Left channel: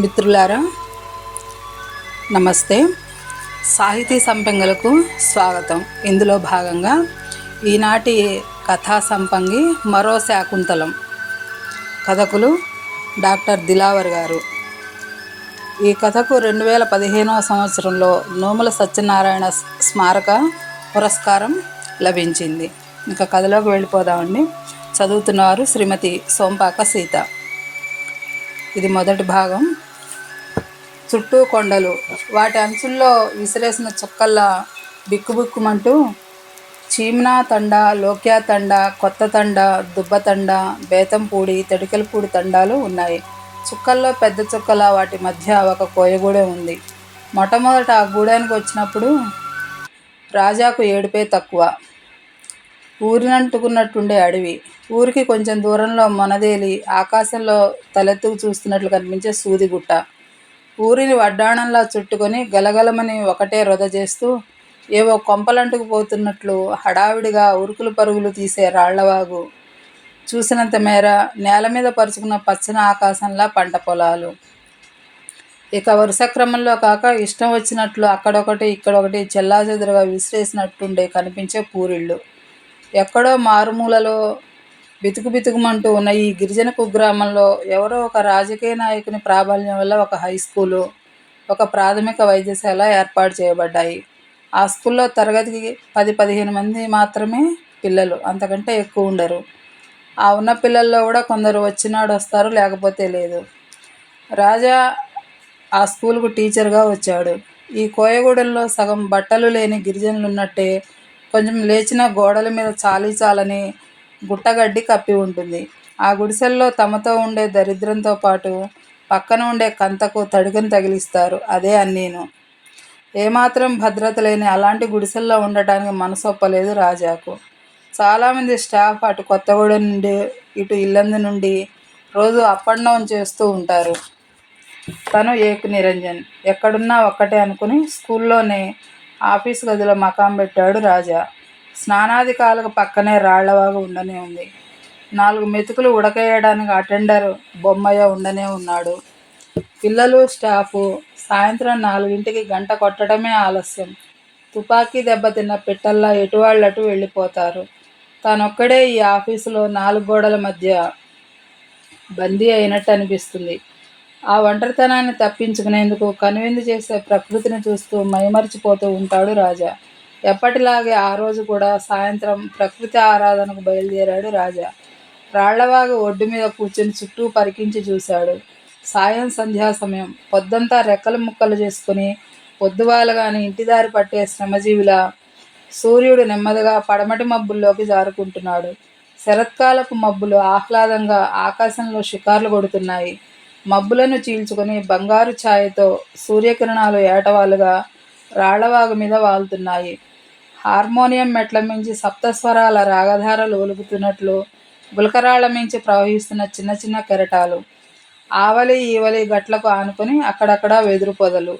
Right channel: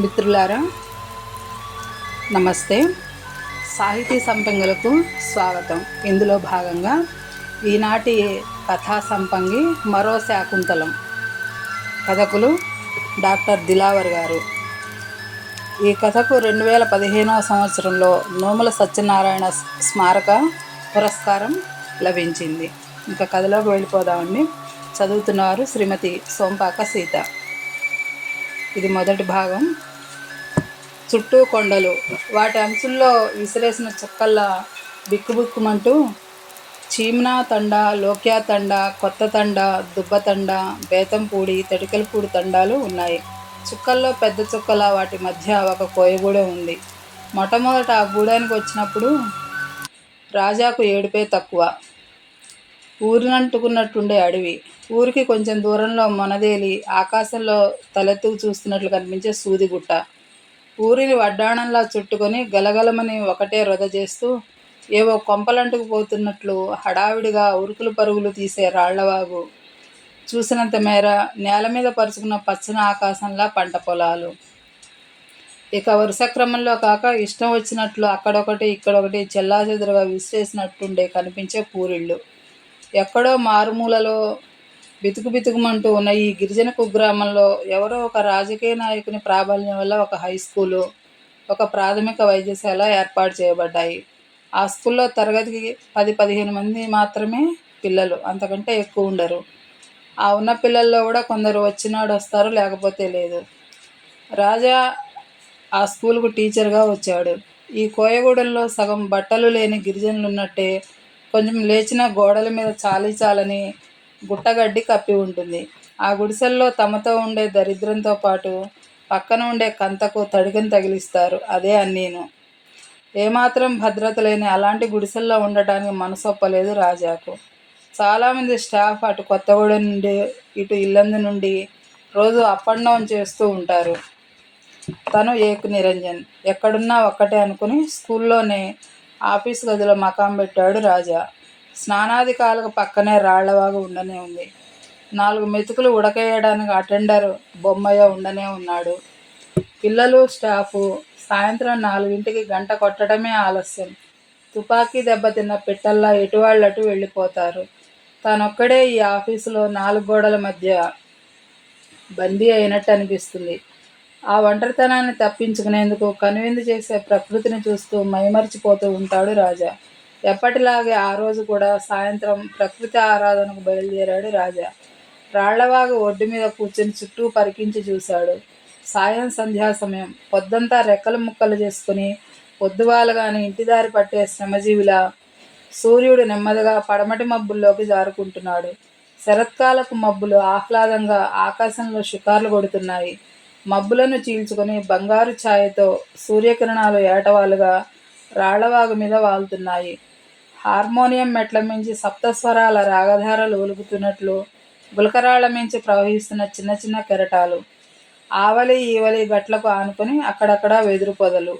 మిత్రులారా నమస్తే. సాహితీ సంపంగులకు స్వాగతం. ఇందులో భాగంగా ఈనాటి కథా సంపంగి మరో శాకుంతలం. కథకులు డాక్టర్ దిలావర్ గారు. ఈ కథకు 2015వ సంవత్సరంలో నోముల సత్యనారాయణ స్మారక పురస్కారం లభించింది. ఇంకా కథలోకి వెళ్ళిపోదామండి. చదువుతున్నవారు శ్రీమతి సోంపాక సీత. ఇది మొదటి భాగం. చుట్టూ కొండలు, వాటి అంచుల్లో విసిరేసిన చుక్కల్లా బిక్కుబిక్కుమంటూ చీమ్నా తండ, లోక్యా తండ, కొత్త తండ, దుబ్బ తండ, బేతంపూడి, తడికలపూడి తండాలు ఉన్నాయి. చుక్కల్లో పెద్ద చుక్కల వాటి మధ్య ఒక కోయగూడెం ఉంది. మొట్టమొదట ఆ గూడానికి వచ్చినప్పుడు రాజాకు ఏడుపే తక్కువ. ఊరినంటుకున్నట్టుండే అడవి, ఊరికి కొంచెం దూరంలో మొనదేలి ఆకాశంలో తలెత్తుకు చూస్తున్నట్లు కనిపించే సూదిగుట్ట, ఊరిని వడ్డాణంలా చుట్టుకొని గలగలమని ఒకటే రొద చేస్తూ ఏవో కొంపలంటుకు పోతున్నట్లు హడావిడిగా ఉరుకులు పరుగులు తీసే రాళ్లవాగు, చూసినంత మేర నేల మీద పరుచుకున్న పచ్చని ఆకాశంలా పంట పొలాలు. ఇక వరుస క్రమంలో కాక ఇష్టం వచ్చినట్లు అక్కడొకటి ఇక్కడొకటి చెల్లాచెదురుగా విసిరేసినట్టుండే కనిపించే పూరిళ్ళు. ఎక్కడో మారుమూలలో బితుకుబితుకుమంటూ ఉన్న ఈ గిరిజన కుగ్రామంలో ఎవరో ఒక రాజకీయ నాయకుని ప్రాబల్యం వల్ల ఒక హై స్కూలు, ఒక ప్రాథమిక వైద్యశాల ఏర్పాటు చేయబడ్డాయి. ఆ స్కూల్లో తరగతికి 10-15 మంది మాత్రమే పిల్లలు, అంతకంటే ఎక్కువ ఉండరు. ఆ ఉన్న పిల్లల్లో కూడా కొందరు వచ్చినాడు వస్తారు, లేకపోతే లేదు. రాజా ఆ స్కూలుకు టీచర్గా వచ్చాడు. ఈ కోయగూడెంలో సగం బట్టలు లేని గిరిజనులు ఉన్నట్టే కొంచెం లేచిన గోడల మీద చాలని గుట్టగడ్డి కప్పి ఉంటుంది. ఆ గుడిసెల్లో తమతో ఉండే దరిద్రంతో పాటు పక్కన ఉండే కంతకు తడికను తగిలిస్తారు. అదే అన్నీను. ఏమాత్రం భద్రత లేని అలాంటి గుడిసెల్లో ఉండటానికి మనసొప్పలేదు రాజాకు. చాలామంది స్టాఫ్ అటు కొత్తగూడెం నుండి ఇటు ఇల్లందు నుండి రోజు అప్ అండ్ డౌన్ చేస్తూ ఉంటారు. తను ఏకు నిరంజన్ ఎక్కడున్నా ఒక్కటే అనుకుని స్కూల్లోనే ఆఫీసు గదిలో మకాం పెట్టాడు రాజా. స్నానాధికాలకు పక్కనే రాళ్లవాగు ఉండనే ఉంది. 4 మెతుకులు ఉడకేయడానికి అటెండర్ బొమ్మయ్య ఉండనే ఉన్నాడు. పిల్లలు, స్టాఫు సాయంత్రం 4ంటికి గంట కొట్టడమే ఆలస్యం. తుపాకీ దెబ్బతిన్న పిట్టల్లా ఎటువాళ్ళటు వెళ్ళిపోతారు. తానొక్కడే ఈ ఆఫీసులో 4 గోడల మధ్య బందీ అయినట్టు అనిపిస్తుంది. ఆ ఒంటరితనాన్ని తప్పించుకునేందుకు కనువిందు చేసే ప్రకృతిని చూస్తూ మైమరిచిపోతూ ఉంటాడు రాజా. ఎప్పటిలాగే ఆ రోజు కూడా సాయంత్రం ప్రకృతి ఆరాధనకు బయలుదేరాడు రాజా. రాళ్లవాగు ఒడ్డు మీద కూర్చుని చుట్టూ పరికించి చూశాడు. సాయం సంధ్యా సమయం. పొద్దంతా రెక్కలు ముక్కలు చేసుకుని పొద్దువాలగాని ఇంటిదారి పట్టే శ్రమజీవిలా సూర్యుడు నెమ్మదిగా పడమటి మబ్బుల్లోకి జారుకుంటున్నాడు. శరత్కాలపు మబ్బులు ఆహ్లాదంగా ఆకాశంలో షికార్లు కొడుతున్నాయి. మబ్బులను చీల్చుకొని బంగారు ఛాయతో సూర్యకిరణాలు ఏటవాలుగా రాళ్లవాగు మీద వాలుతున్నాయి. హార్మోనియం మెట్ల మించి సప్తస్వరాల రాగధారలు ఒలుగుతున్నట్లు గులకరాళ్ల మించి ప్రవహిస్తున్న చిన్న చిన్న కెరటాలు. ఆవలి ఈవలి గట్లకు ఆనుకొని అక్కడక్కడ వెదురు పొదలు,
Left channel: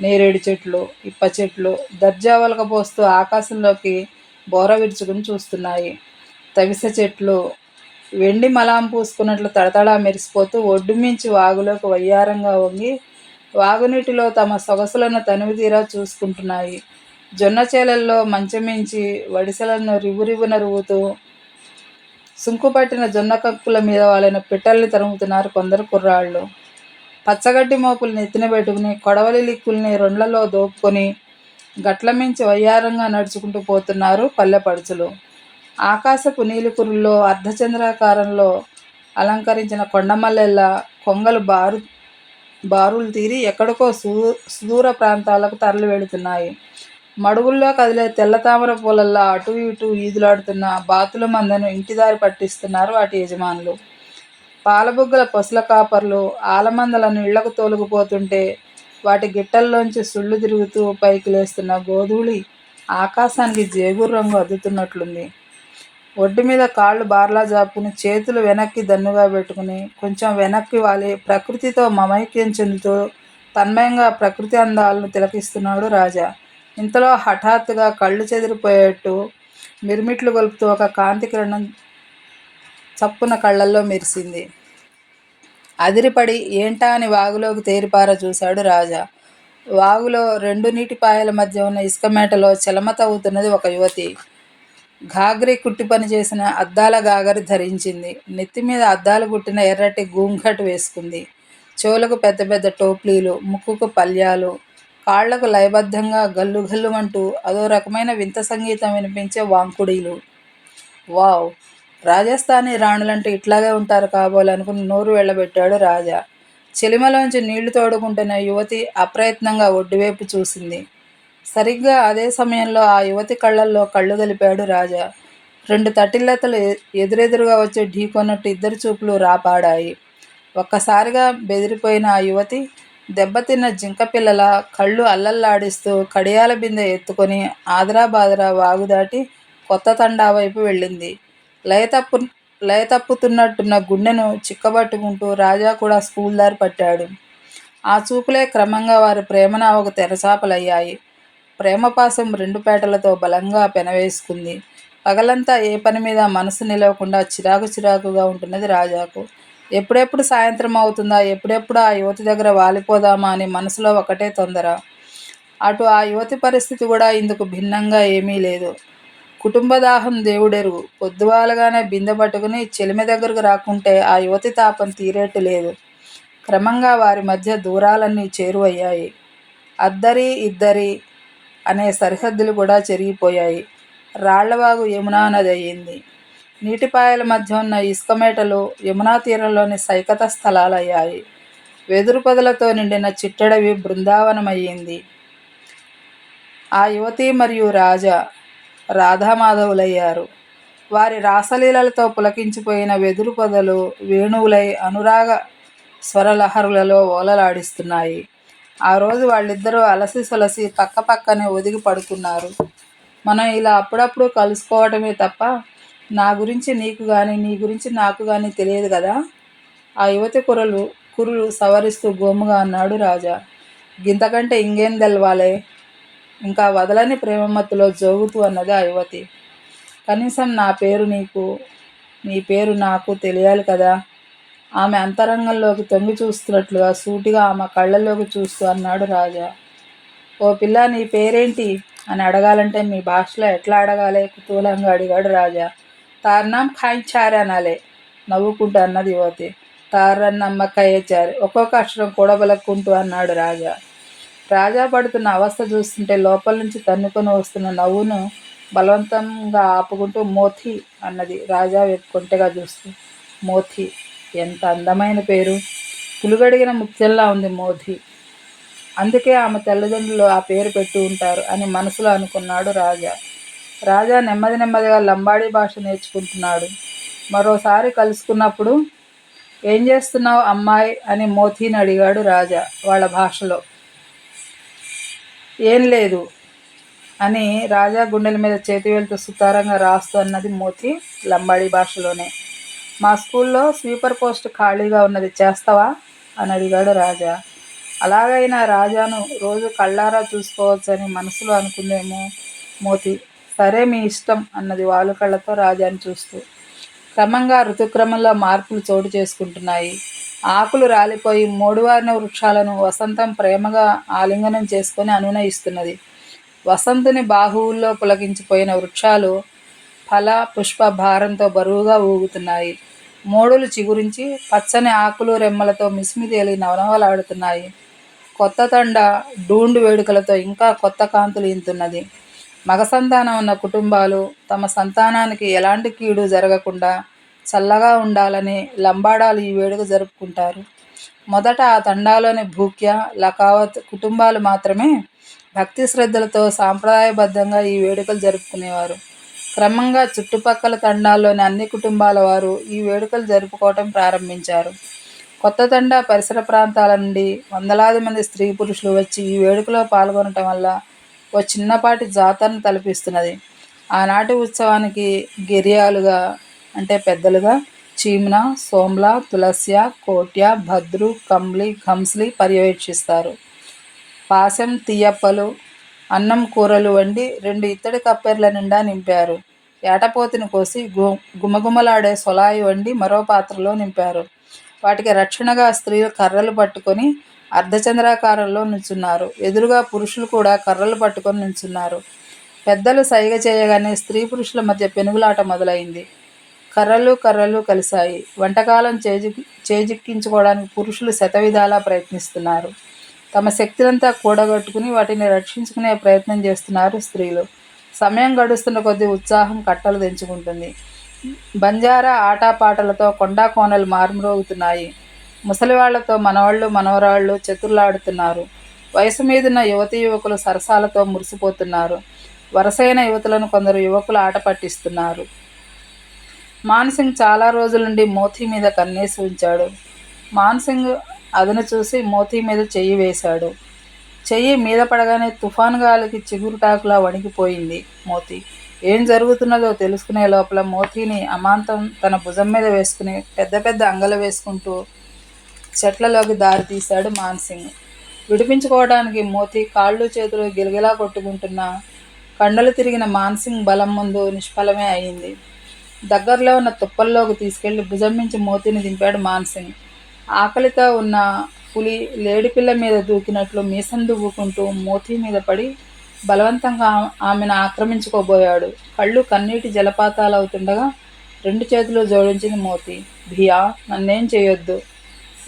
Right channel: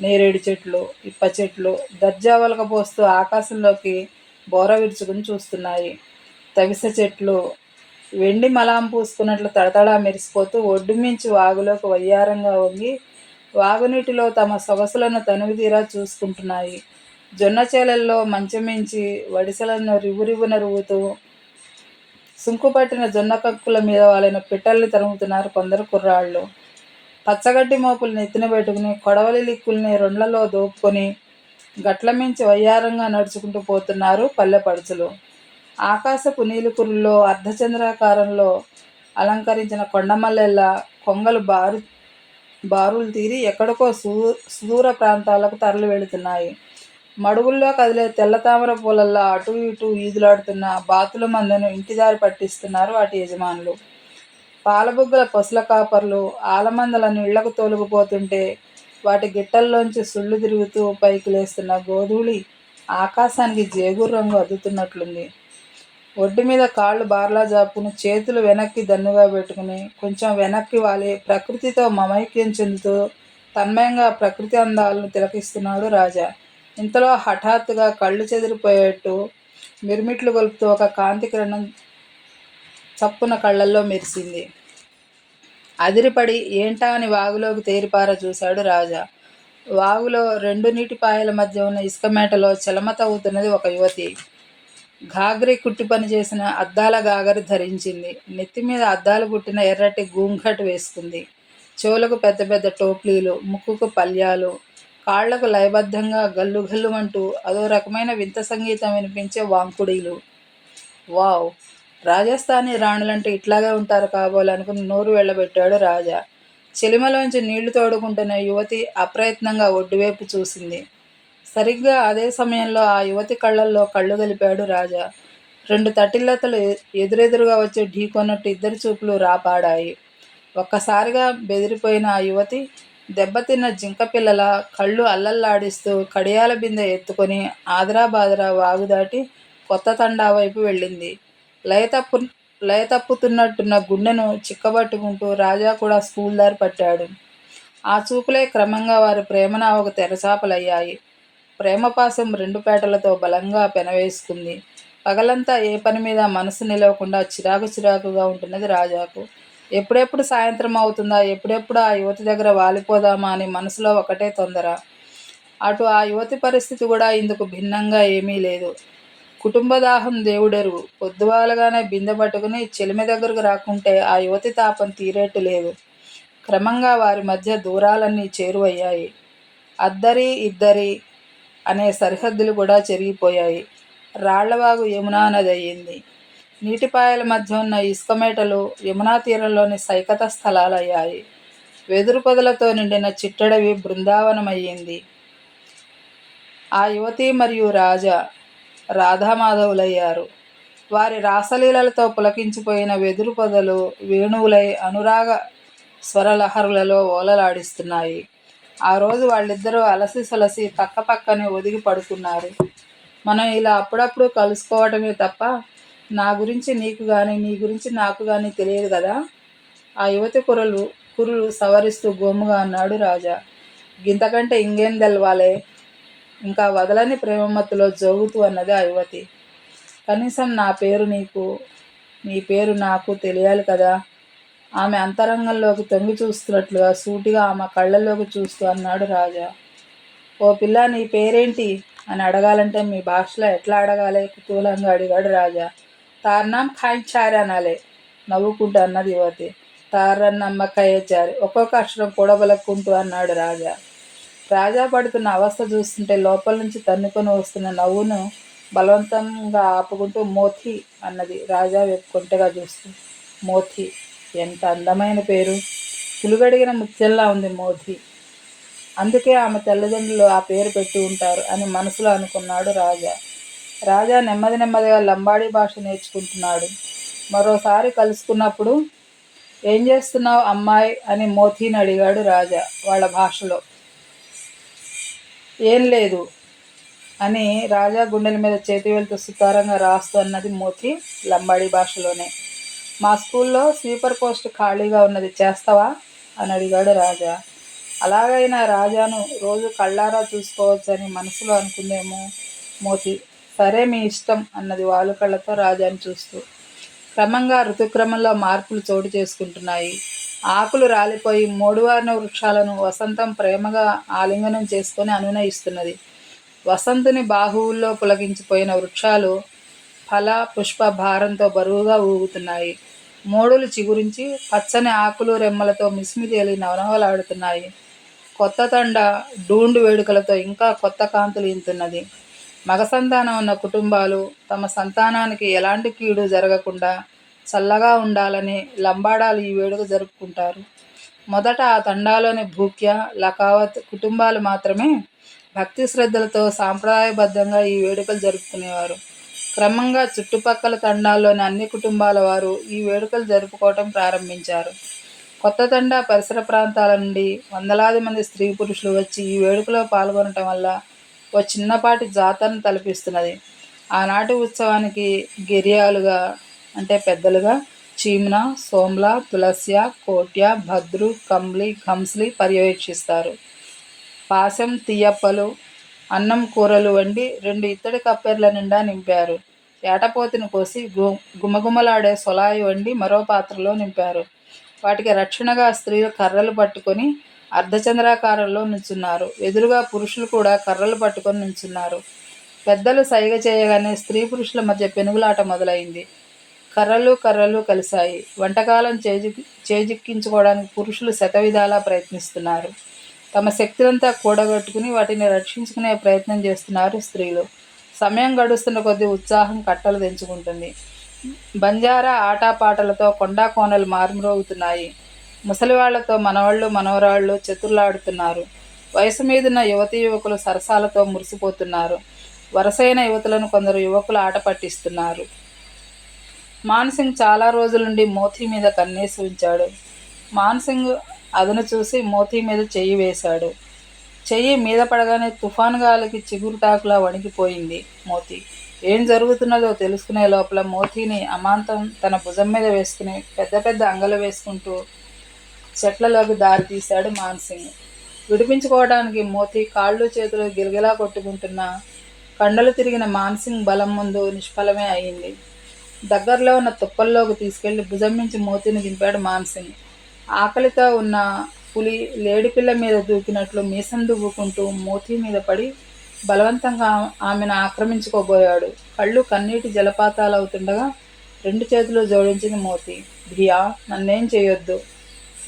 నేరేడు చెట్లు, ఇప్ప చెట్లు దర్జా ఒలకపోస్తూ ఆకాశంలోకి బోర విరుచుకుని చూస్తున్నాయి. తవిసె చెట్లు వెండి మలాం పూసుకున్నట్లు తడతడా మెరిసిపోతూ ఒడ్డు మించి వాగులోకి వయ్యారంగా వంగి వాగునీటిలో తమ సొగసులను తనివితీరా చూసుకుంటున్నాయి. జొన్న చేలల్లో మంచమించి వడిసెలను రివురివున రువ్వుతూ సుంకుపట్టిన జొన్న కక్కుల మీద వాలిన పిట్టల్ని తరుముతున్నారు కొందరు కుర్రాళ్ళు. పచ్చగడ్డి మోపులు నెత్తిన పెట్టుకుని కొడవలి లిక్కుల్ని రొండ్లలో దోపుకొని గట్ల మించి వయ్యారంగా నడుచుకుంటూ పోతున్నారు పల్లెపడుచులు. ఆకాశపు నీలికురుల్లో అర్ధచంద్రాకారంలో అలంకరించిన కొండమల్లెల్లా కొంగలు బారులు తీరి ఎక్కడికో సుదూర ప్రాంతాలకు తరలి వెళుతున్నాయి. మడుగుల్లో కదిలే తెల్ల తామర పూలల్లా అటూ ఇటూ ఈదులాడుతున్న బాతుల మందను ఇంటిదారి పట్టిస్తున్నారు వాటి యజమానులు. పాలబుగ్గల పసుల కాపర్లు ఆలమందలను ఇళ్లకు తోలుకుపోతుంటే వాటి గిట్టల్లోంచి సుళ్ళు తిరుగుతూ పైకి లేస్తున్న గోధూళి ఆకాశానికి జేగురు రంగు అద్దుతున్నట్లుంది. ఒడ్డు మీద కాళ్ళు బార్లా జాపుకుని చేతులు వెనక్కి దన్నుగా పెట్టుకుని కొంచెం వెనక్కి వాలి ప్రకృతితో మమైక్యం చెందుతూ తన్మయంగా ప్రకృతి అందాలను తిలకిస్తున్నాడు రాజా. ఇంతలో హఠాత్తుగా కళ్ళు చెదిరిపోయేట్టు మిరుమిట్లు గొలుపుతూ ఒక కాంతి కిరణం చప్పున కళ్ళల్లో మెరిసింది. అదిరిపడి ఏంటా అని వాగులోకి తేరిపార చూశాడు రాజా. వాగులో రెండు నీటిపాయల మధ్య ఉన్న ఇసుక మేటలో చెలమ తవ్వుతున్నది ఒక యువతి. ఘాగ్రి కుట్టి పని చేసిన అద్దాల గాగరి ధరించింది. నెత్తిమీద అద్దాలు కుట్టిన ఎర్రటి గూంఘట్ వేసుకుంది. చెవులకు పెద్ద పెద్ద టోప్లీలు, ముక్కుకు పల్యాలు, కాళ్లకు లయబద్ధంగా గల్లు గల్లుమంటూ అదో రకమైన వింత సంగీతం వినిపించే వాంకుడీలు. వావ్! రాజస్థానీ రాణులంటే ఇట్లాగే ఉంటారు కాబోలు అనుకుని నోరు వెళ్ళబెట్టాడు రాజా. చెలిమలోంచి నీళ్లు తోడుకుంటున్న యువతి అప్రయత్నంగా ఒడ్డువైపు చూసింది. సరిగ్గా అదే సమయంలో ఆ యువతి కళ్ళల్లో కళ్ళు గలిపాడు రాజా. రెండు తటిల్లతలు ఎదురెదురుగా వచ్చి ఢీకొన్నట్టు ఇద్దరి చూపులు రాపాడాయి. ఒక్కసారిగా బెదిరిపోయిన ఆ యువతి దెబ్బతిన్న జింకపిల్లల కళ్ళు అల్లల్లాడిస్తూ కడియాల బిందె ఎత్తుకొని ఆదరాబాదరా వాగు దాటి కొత్త తండా వైపు వెళ్ళింది. లయతప్పు లయతప్పుతున్నట్టున్న గుండెను చిక్కబట్టుకుంటూ రాజా కూడా స్కూల్ దారి పట్టాడు. ఆ చూపులే క్రమంగా వారి ప్రేమనావకు తెరచాపలయ్యాయి. ప్రేమపాశం రెండు పేటలతో బలంగా పెనవేసుకుంది. పగలంతా ఏ పని మీద మనసు నిలవకుండా చిరాకు చిరాకుగా ఉంటున్నది రాజాకు. ఎప్పుడెప్పుడు సాయంత్రం అవుతుందా, ఎప్పుడెప్పుడు ఆ యువతి దగ్గర వాలిపోదామా అని మనసులో ఒకటే తొందర. అటు ఆ యువతి పరిస్థితి కూడా ఇందుకు భిన్నంగా ఏమీ లేదు. కుటుంబదాహం దేవుడెరుగు. పొద్దువాలగానే బిందె పట్టుకుని చెలిమె దగ్గరకు రాకుంటే ఆ యువతి తాపం తీరేట్టు లేదు. క్రమంగా వారి మధ్య దూరాలన్నీ చేరువయ్యాయి. అద్దరి ఇద్దరి అనే సరిహద్దులు కూడా చెరిగిపోయాయి. రాళ్లవాగు యమునా నది అయ్యింది. నీటిపాయల మధ్య ఉన్న ఇసుక మేటలు యమునా తీరంలోని సైకత స్థలాలయ్యాయి. వెదురు పొదలతో నిండిన చిట్టడవి బృందావనమయ్యింది. ఆ యువతి మరియు రాజా రాధామాధవులయ్యారు. వారి రాసలీలలతో పులకించిపోయిన వెదురు పొదలు వేణువులై అనురాగ స్వరలహరులలో ఓలలాడిస్తున్నాయి. ఆ రోజు వాళ్ళిద్దరూ అలసి సొలసి పక్క పక్కనే ఒదిగి పడుకున్నారు. మనం ఇలా అప్పుడప్పుడు కలుసుకోవటమే తప్ప నా గురించి నీకు గాని, నీ గురించి నాకు గాని తెలియదు కదా. ఆ యువతి కురులు సవరిస్తూ గోముగా అన్నాడు రాజా. గింతకంటే ఇంకేం తెలవాలే? ఇంకా వదలని ప్రేమమత్తులో జోగుతూ అన్నది ఆ యువతి. కనీసం నా పేరు నీకు, నీ పేరు నాకు తెలియాలి కదా. ఆమె అంతరంగంలోకి తొంగి చూస్తున్నట్లుగా సూటిగా ఆమె కళ్ళల్లోకి చూస్తూ అన్నాడు రాజా. ఓ పిల్ల, నీ పేరేంటి అని అడగాలంటే మీ భాషలో ఎట్లా అడగాలి? కుతూహలంగా అడిగాడు రాజా. తార్నాం ఖాయించారే అనాలే, నవ్వుకుంటూ అన్నది యువతి. తారన్నమ్మ కయ్యచారి, ఒక్కొక్క అక్షరం కూడబలక్కుంటూ అన్నాడు రాజా. రాజా పడుతున్న అవస్థ చూస్తుంటే లోపల నుంచి తన్నుకొని వస్తున్న నవ్వును బలవంతంగా ఆపుకుంటూ మోతి అన్నది రాజా వైపు కొంటెగా చూస్తూ. మోతి, ఎంత అందమైన పేరు! పులుగడిగిన ముత్యంలా ఉంది మోతి. అందుకే ఆమె తల్లిదండ్రులు ఆ పేరు పెట్టి ఉంటారు అని మనసులో అనుకున్నాడు రాజా. రాజా నెమ్మది నెమ్మదిగా లంబాడీ భాష నేర్చుకుంటున్నాడు. మరోసారి కలుసుకున్నప్పుడు ఏం చేస్తున్నావు అమ్మాయి అని మోతీని అడిగాడు రాజా వాళ్ళ భాషలో. ఏం లేదు అని రాజా గుండెల మీద చేతి వెళ్తూ సుతారంగా రాస్తూ అన్నది మోతి లంబాడీ భాషలోనే. మా స్కూల్లో స్వీపర్ పోస్ట్ ఖాళీగా ఉన్నది, చేస్తావా అని అడిగాడు రాజా. అలాగైనా రాజాను రోజు కళ్ళారా చూసుకోవచ్చని మనసులో అనుకుందేమో మోతి. సరే, మీ ఇష్టం అన్నది వాలు కళ్ళతో రాజాను చూస్తూ. క్రమంగా ఋతుక్రమంలో మార్పులు చోటు చేసుకుంటున్నాయి. ఆకులు రాలిపోయి మోడువారిన వృక్షాలను వసంతం ప్రేమగా ఆలింగనం చేసుకొని అనునయిస్తున్నది. వసంతుని బాహువుల్లో పులకించిపోయిన వృక్షాలు ఫల పుష్ప భారంతో బరువుగా ఊగుతున్నాయి. మోడులు చిగురించి పచ్చని ఆకులు రెమ్మలతో మిసిమితేలి నవనవలాడుతున్నాయి. కొత్త తండ డూండు వేడుకలతో ఇంకా కొత్త కాంతులు ఇంతున్నది. మగ సంతానం ఉన్న కుటుంబాలు తమ సంతానానికి ఎలాంటి కీడు జరగకుండా చల్లగా ఉండాలని లంబాడాలు ఈ వేడుక జరుపుకుంటారు. మొదట ఆ తండాలోని భూక్య, లకావత్ కుటుంబాలు మాత్రమే భక్తి శ్రద్ధలతో సాంప్రదాయబద్ధంగా ఈ వేడుకలు జరుపుకునేవారు. క్రమంగా చుట్టుపక్కల తండాల్లోని అన్ని కుటుంబాల వారు ఈ వేడుకలు జరుపుకోవటం ప్రారంభించారు. కొత్త తండా పరిసర ప్రాంతాల నుండి వందలాది మంది స్త్రీ పురుషులు వచ్చి ఈ వేడుకలో పాల్గొనటం వల్ల ఓ చిన్నపాటి జాతరను తలపిస్తున్నది. ఆనాటి ఉత్సవానికి గిరియాలుగా అంటే పెద్దలుగా చీమ్న, సోమ్ల, తులస్య, కోట్య, భద్రు, కంబ్లి, ఘంస్లి పర్యవేక్షిస్తారు. పాశం, తీయప్పలు, అన్నం కూరలు వండి 2 ఇత్తడి కప్పెర్ల నిండా నింపారు. ఏటపోతుని కోసి గుమగుమలాడే సొలాయి వండి మరో పాత్రలో నింపారు. వాటికి రక్షణగా స్త్రీలు కర్రలు పట్టుకొని అర్ధచంద్రాకారంలో నుంచున్నారు. ఎదురుగా పురుషులు కూడా కర్రలు పట్టుకొని నుంచున్నారు. పెద్దలు సైగ చేయగానే స్త్రీ పురుషుల మధ్య పెనుగులాట మొదలైంది. కర్రలు కలిశాయి. వంటకాలం చేజిక్కించుకోవడానికి పురుషులు శతవిధాలా ప్రయత్నిస్తున్నారు. తమ శక్తినంతా కూడగట్టుకుని వాటిని రక్షించుకునే ప్రయత్నం చేస్తున్నారు స్త్రీలు. సమయం గడుస్తున్న కొద్దీ ఉత్సాహం కట్టలు తెంచుకుంటుంది. బంజారా ఆటపాటలతో కొండా కోనలు మారుమ్రోగుతున్నాయి. ముసలివాళ్లతో మనవాళ్ళు మనవరాళ్ళు చతుర్లాడుతున్నారు. వయసు మీదున్న యువతీ యువకులు సరసాలతో మురిసిపోతున్నారు. వరసైన యువతులను కొందరు యువకులు ఆట పట్టిస్తున్నారు. మాన్సింగ్ చాలా రోజుల నుండి మోతీ మీద కన్నేసి ఉంచాడు. మాన్సింగ్ అదను చూసి మోతీ మీద చెయ్యి వేశాడు. చెయ్యి మీద పడగానే తుఫాను గాలికి చిగురుటాకులా వణికిపోయింది మోతీ. ఏం జరుగుతున్నదో తెలుసుకునే లోపల మోతీని అమాంతం తన భుజం మీద వేసుకుని పెద్ద పెద్ద అంగలు వేసుకుంటూ చెట్లలోకి దారి తీశాడు మాన్సింగ్. విడిపించుకోవడానికి మోతీ కాళ్ళు చేతులు గిలగిలా కొట్టుకుంటున్నా కండలు తిరిగిన మాన్సింగ్ బలం ముందు నిష్ఫలమే అయింది. దగ్గరలో ఉన్న తుప్పల్లోకి తీసుకెళ్లి భుజం నుంచి మోతీని దింపాడు మాన్సింగ్. ఆకలితో ఉన్న పులి లేడిపిల్ల మీద దూకినట్లు మీసం దువ్వుకుంటూ మోతీ మీద పడి బలవంతంగా ఆమెను ఆక్రమించుకోబోయాడు. కళ్ళు కన్నీటి జలపాతాలవుతుండగా 2 చేతులు జోడించింది మోతీ. భియా, నన్నేం చేయొద్దు.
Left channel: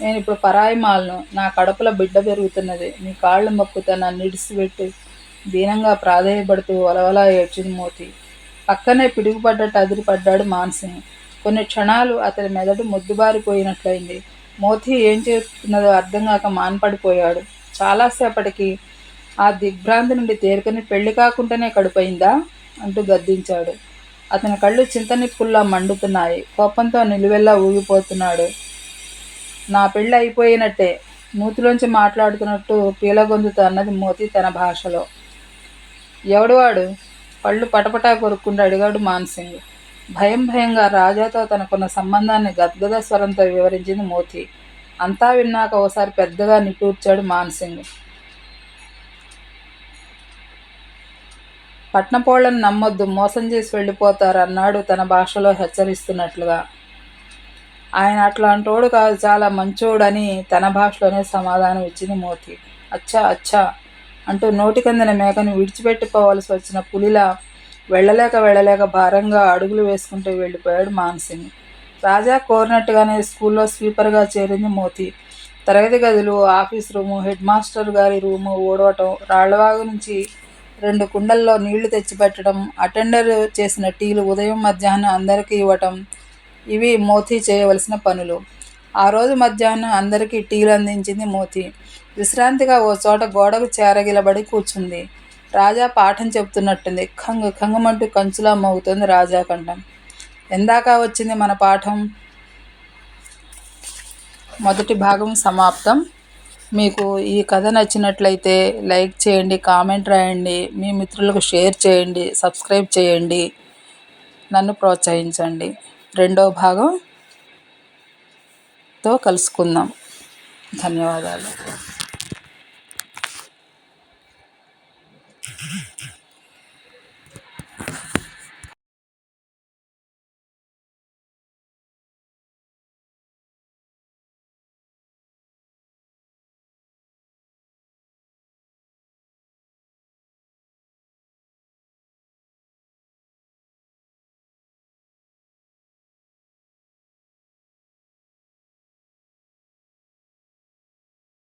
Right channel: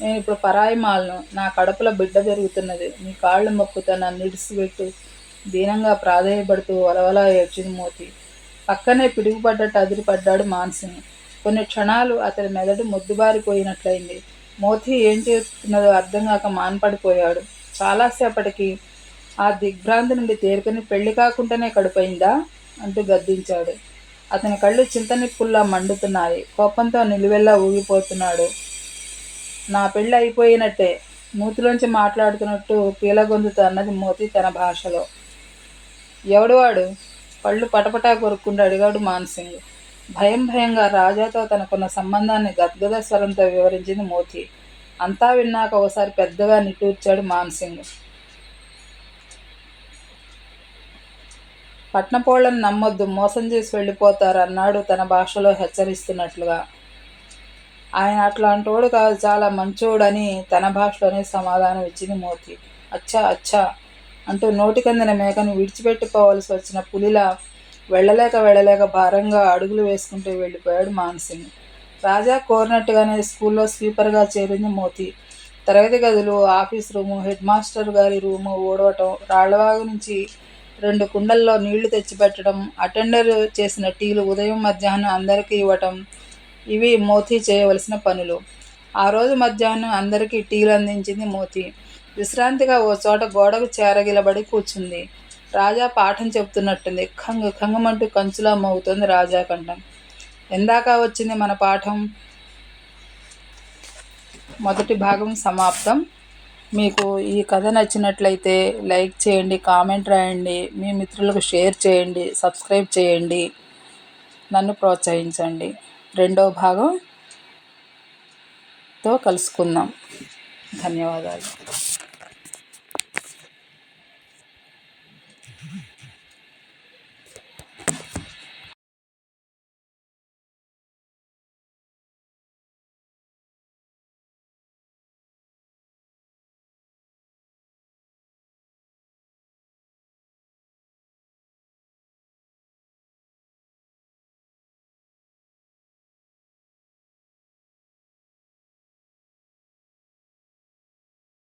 నేను ఇప్పుడు పరాయి మాలను. నా కడుపులో బిడ్డ పెరుగుతున్నది. నీ కాళ్ళు మొక్కుతా, నన్ను ఇడిసిపెట్టి దీనంగా ప్రాధేయపడుతూ వలవలా ఏడ్చింది మోతీ. పక్కనే పిడుగుపడ్డట్టు అదిరిపడ్డాడు మాన్సింగ్. కొన్ని క్షణాలు అతని మెదడు మొద్దుబారిపోయినట్లయింది. మోతీ ఏం చేస్తున్నదో అర్థం కాక మాన్పడిపోయాడు. చాలాసేపటికి ఆ దిగ్భ్రాంతి నుండి తేరుకొని పెళ్లి కాకుండానే కడుపైందా అంటూ గద్దించాడు. అతని కళ్ళు చింతనిప్పుల్లా మండుతున్నాయి. కోపంతో నిలువెల్లా ఊగిపోతున్నాడు. నా పెళ్ళి అయిపోయినట్టే, నూతిలోంచి మాట్లాడుతున్నట్టు పీలగొంతుతో అన్నది మోతీ తన భాషలో. ఎవడు వాడు? కళ్ళు పటపటా కొరుక్కుంటూ అడిగాడు మాన్సింగ్. భయంగా రాజాతో తనకున్న సంబంధాన్ని గద్గద స్వరంతో వివరించింది మోతీ. అంతా విన్నాక ఓసారి పెద్దగా నిట్టూర్చాడు మాన్సింగ్. పట్నపోళ్లను నమ్మొద్దు, మోసం చేసి వెళ్ళిపోతారు అన్నాడు తన భాషలో హెచ్చరిస్తున్నట్లుగా. ఆయన అట్లాంటోడు కాదు, చాలా మంచోడని తన భాషలోనే సమాధానం ఇచ్చింది మోతీ. అచ్చా అచ్చా అంటూ నోటికందిన మేకను విడిచిపెట్టుకోవాల్సి వచ్చిన పులిలా వెళ్ళలేక భారంగా అడుగులు వేసుకుంటూ వెళ్ళిపోయాడు మాన్సింగ్. రాజా కోరినట్టుగానే స్కూల్లో స్వీపర్గా చేరింది మోతీ. తరగతి గదులు, ఆఫీస్ రూము, హెడ్ మాస్టర్ గారి రూము ఊడవటం, రాళ్లవాగు నుంచి 2 కుండల్లో నీళ్లు తెచ్చిపెట్టడం, అటెండర్ చేసిన టీలు ఉదయం మధ్యాహ్నం అందరికీ ఇవ్వటం, ఇవి మోతీ చేయవలసిన పనులు. ఆ రోజు మధ్యాహ్నం అందరికీ టీలు అందించింది మోతీ. విశ్రాంతిగా ఓ చోట గోడకు చేరగిలబడి కూర్చుంది. రాజా పాఠం చెబుతున్నట్టుంది. ఖంగమంటూ కంచులా మోగుతోంది రాజా కంఠం. ఎందాక వచ్చింది మన పాఠం? మొదటి భాగం సమాప్తం. మీకు ఈ కథ నచ్చినట్లయితే లైక్ చేయండి, కామెంట్ రాయండి, మీ మిత్రులకు షేర్ చేయండి, సబ్స్క్రైబ్ చేయండి, నన్ను ప్రోత్సహించండి. రెండవ భాగంతో కలుసుకుందాం. ధన్యవాదాలు.